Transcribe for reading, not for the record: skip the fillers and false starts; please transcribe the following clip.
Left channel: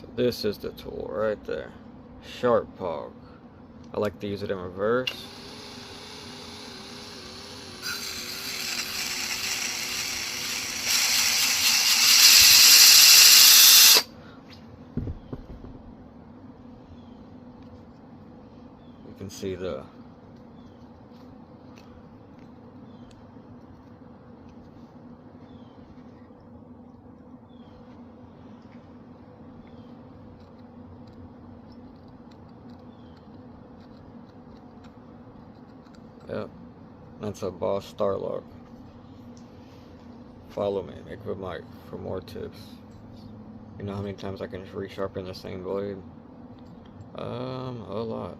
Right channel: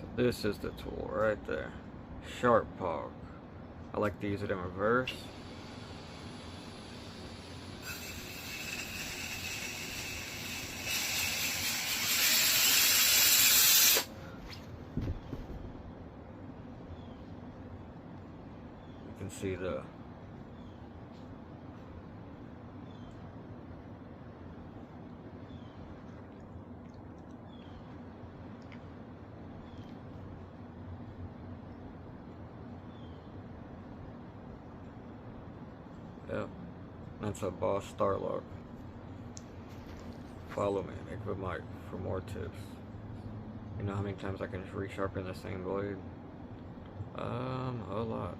So this is the tool right there. Sharp Pog. I like to use it in reverse. You can see the yep, that's a Boss Starlock. Follow me, Nick with Mike, for more tips. You know how many times I can just resharpen the same blade? A lot.